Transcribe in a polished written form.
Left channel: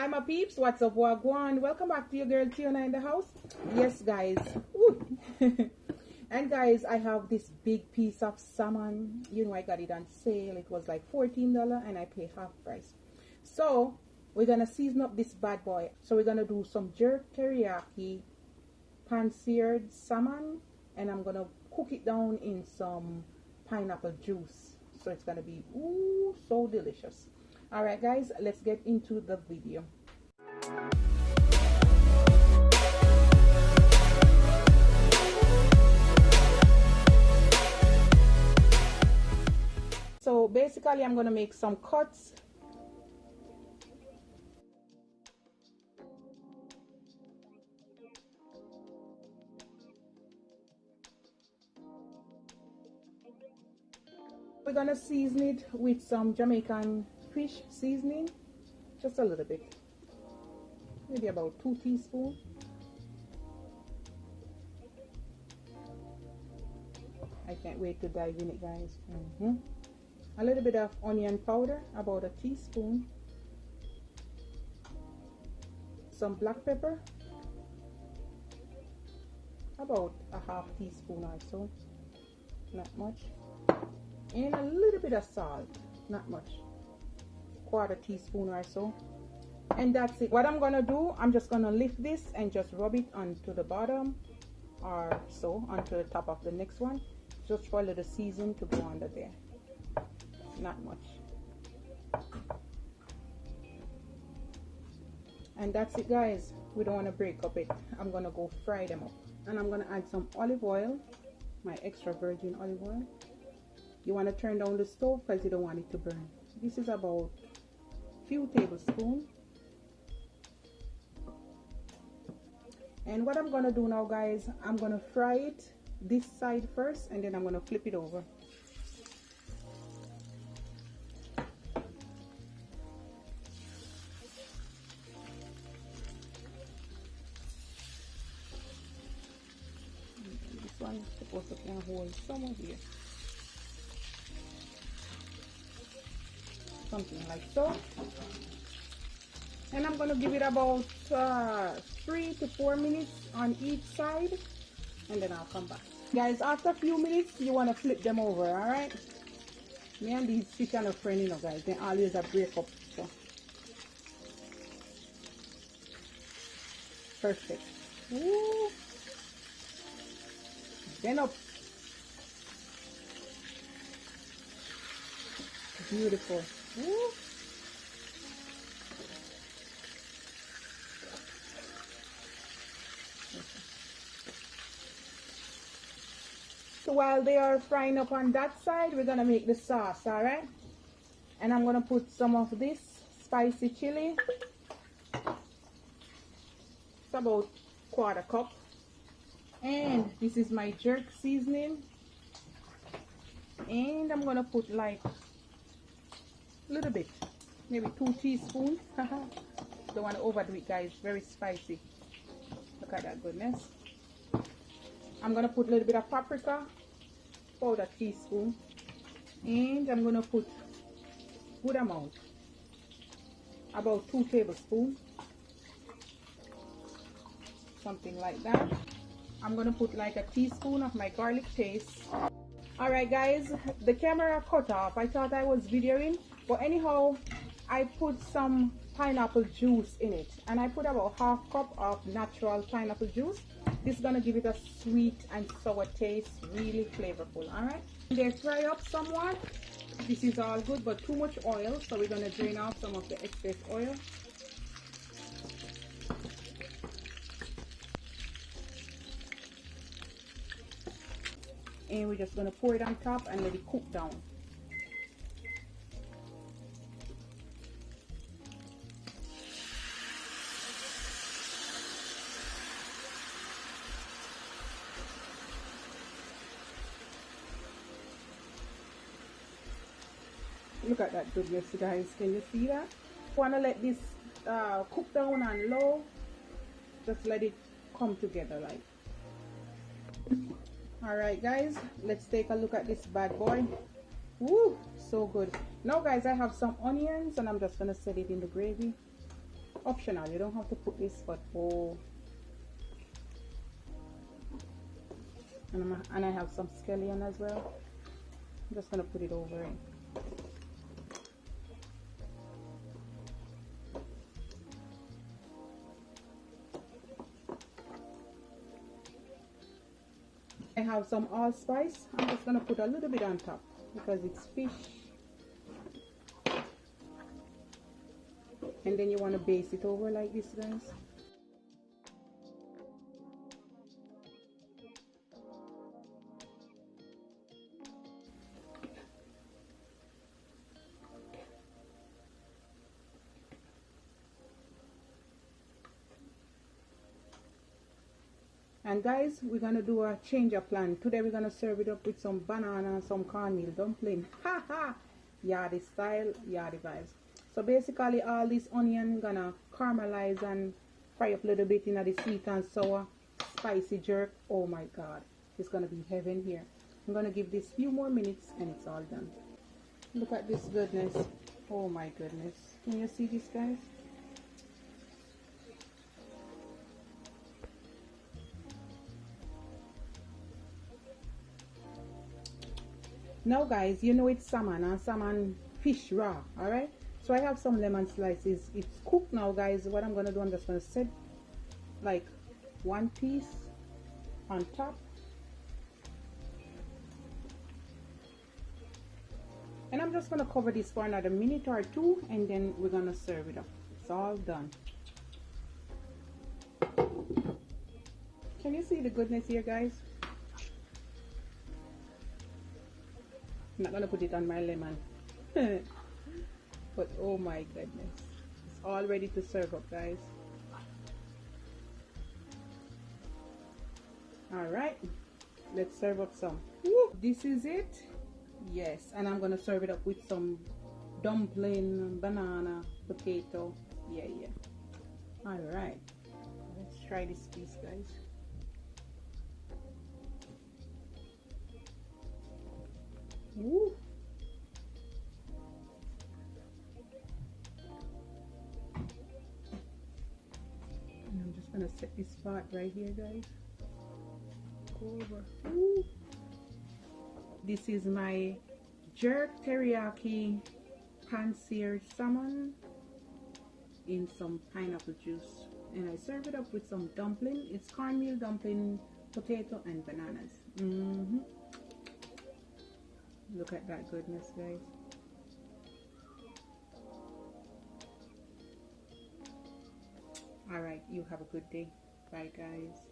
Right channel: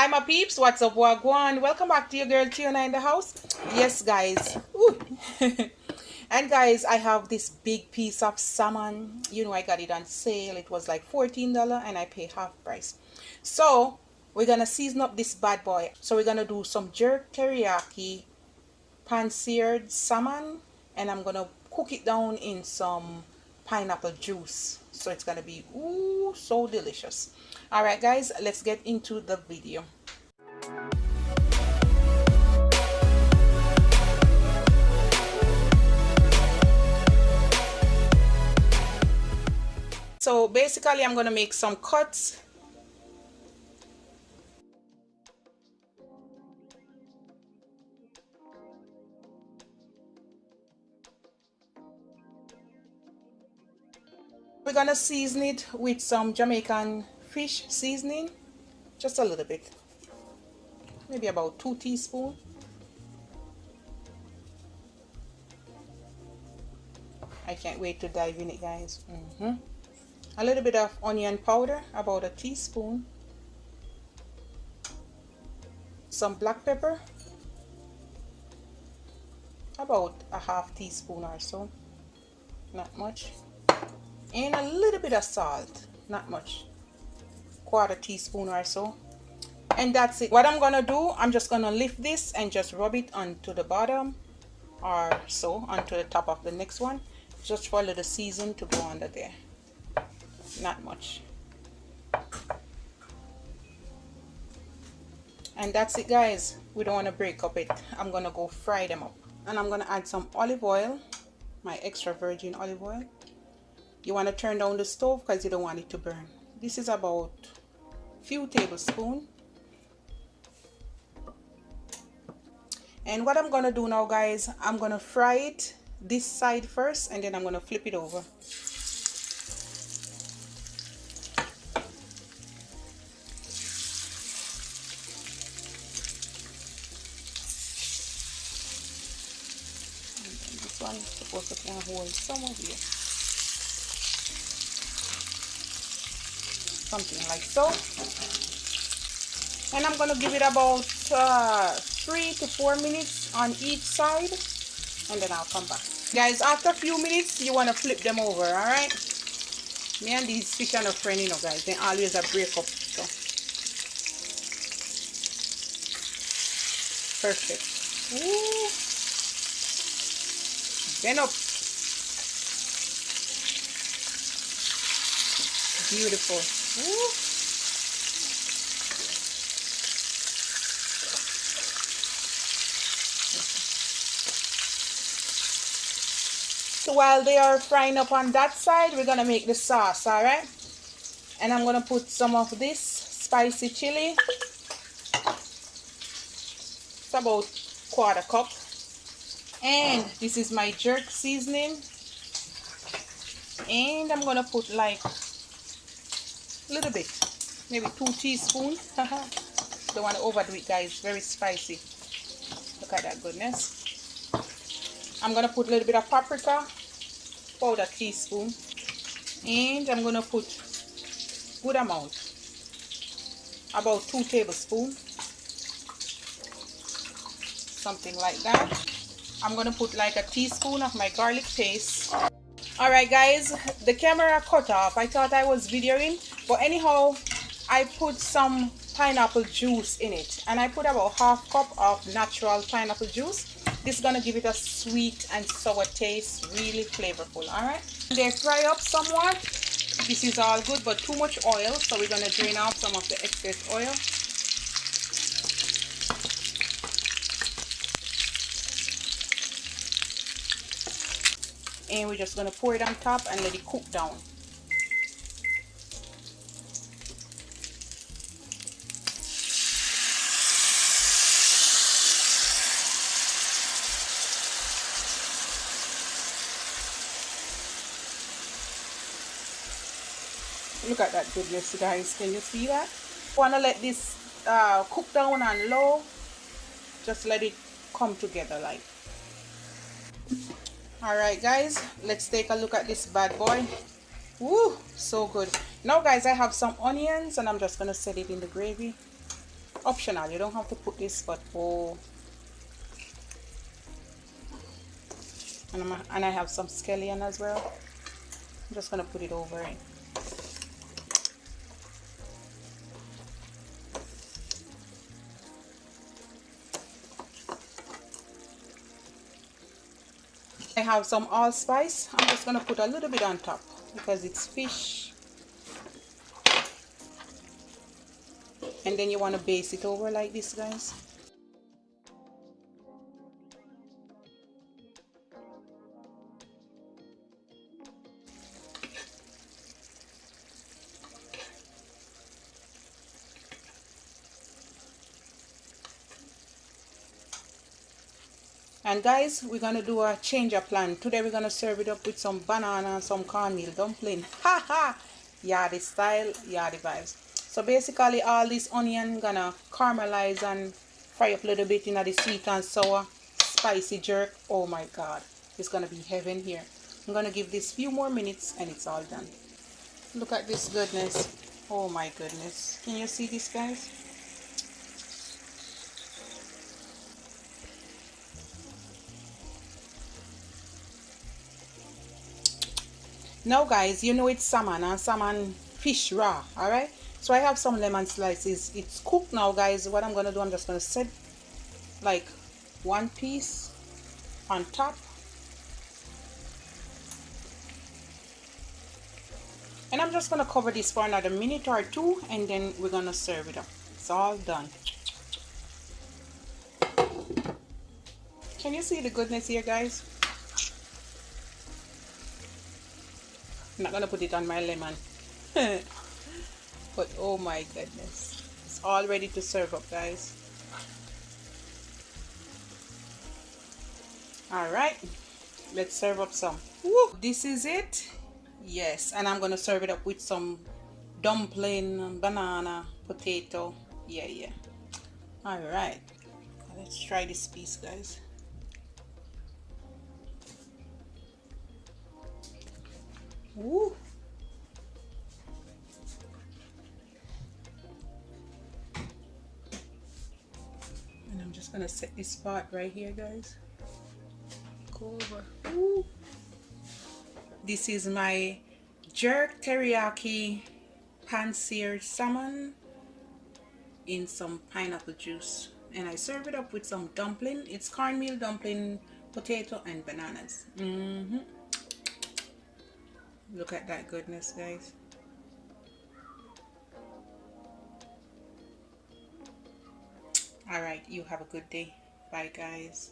Hi my peeps, what's up, wagwan? Welcome back to your girl Tiona in the house. Yes guys. And guys, I have this big piece of salmon. You know, I got it on sale. It was like $14 and I pay half price. So we're gonna season up this bad boy. So we're gonna do some jerk teriyaki pan-seared salmon, and I'm gonna cook it down in some pineapple juice. So it's gonna be ooh so delicious. All right guys, let's get into the video. So basically I'm gonna make some cuts. We're gonna season it with some Jamaican fish seasoning, just a little bit, maybe about 2 teaspoons. I can't wait to dive in it, guys. A little bit of onion powder, about a teaspoon. Some black pepper, about a half teaspoon or so, not much. And a little bit of salt, not much, quarter teaspoon or so. And that's it. What I'm gonna do, I'm just gonna lift this and just rub it onto the bottom or so, onto the top of the next one, just for a little season to go under there, not much. And that's it guys. We don't want to break up it. I'm gonna go fry them up, and I'm gonna add some olive oil, my extra virgin olive oil. You want to turn down the stove because you don't want it to burn. This is about a few tablespoons. And what I'm gonna do now guys, I'm gonna fry it this side first, and then I'm gonna flip it over. This one is supposed to kind of hold some of here, something like so. And I'm gonna give it about 3 to 4 minutes on each side, and then I'll come back. Guys, after a few minutes, you want to flip them over, all right? Me and these fish are no friend, you know, guys. They always a break up, so. Perfect. Ooh. Bend up. Beautiful. Ooh. So while they are frying up on that side, we're gonna make the sauce, all right? And I'm gonna put some of this spicy chili. It's about quarter cup. And this is my jerk seasoning. And I'm gonna put like a little bit, maybe 2 teaspoons. Don't want to overdo it, guys. Very spicy. Look at that goodness. I'm gonna put a little bit of paprika, about a teaspoon, and I'm gonna put good amount, about 2 tablespoons, something like that. I'm gonna put like a teaspoon of my garlic paste. All right guys, the camera cut off. I thought I was videoing, but anyhow, I put some pineapple juice in it, and I put about half cup of natural pineapple juice. This is gonna give it a sweet and sour taste, really flavorful. All right, they fry up somewhat. This is all good, but too much oil, so we're gonna drain off some of the excess oil. And we're just gonna pour it on top and let it cook down. Look at that goodness, guys. Can you see that? Want to let this cook down on low. Just let it come together like. All right guys, let's take a look at this bad boy. Woo, so good. Now guys, I have some onions and I'm just gonna set it in the gravy. Optional, you don't have to put this, but oh. And I have some scallion as well. I'm just gonna put it over it. I have some allspice. I'm just gonna put a little bit on top because it's fish. And then you want to base it over like this, guys. And guys, we're gonna do a change of plan. Today we're gonna serve it up with some banana and some cornmeal dumpling. Ha ha! Yardie style, yardie vibes. So basically all this onion gonna caramelize and fry up a little bit in the sweet and sour spicy jerk. Oh my god, it's gonna be heaven here. I'm gonna give this few more minutes and it's all done. Look at this goodness. Oh my goodness. Can you see this, guys? Now guys, you know it's salmon and salmon fish raw, alright? So I have some lemon slices. It's cooked now, guys. What I'm gonna do, I'm just gonna set like one piece on top. And I'm just gonna cover this for another minute or two and then we're gonna serve it up. It's all done. Can you see the goodness here, guys? I'm not gonna put it on my lemon. But oh my goodness. It's all ready to serve up, guys. Alright. Let's serve up some. Woo! This is it. Yes, and I'm gonna serve it up with some dumpling, banana, potato. Yeah. Alright. Let's try this piece, guys. Woo! And I'm just gonna set this spot right here, guys. Go over. Woo! This is my jerk teriyaki pan-seared salmon in some pineapple juice, and I serve it up with some dumpling. It's cornmeal dumpling, potato and bananas. Look at that goodness, guys. All right, you have a good day. Bye, guys.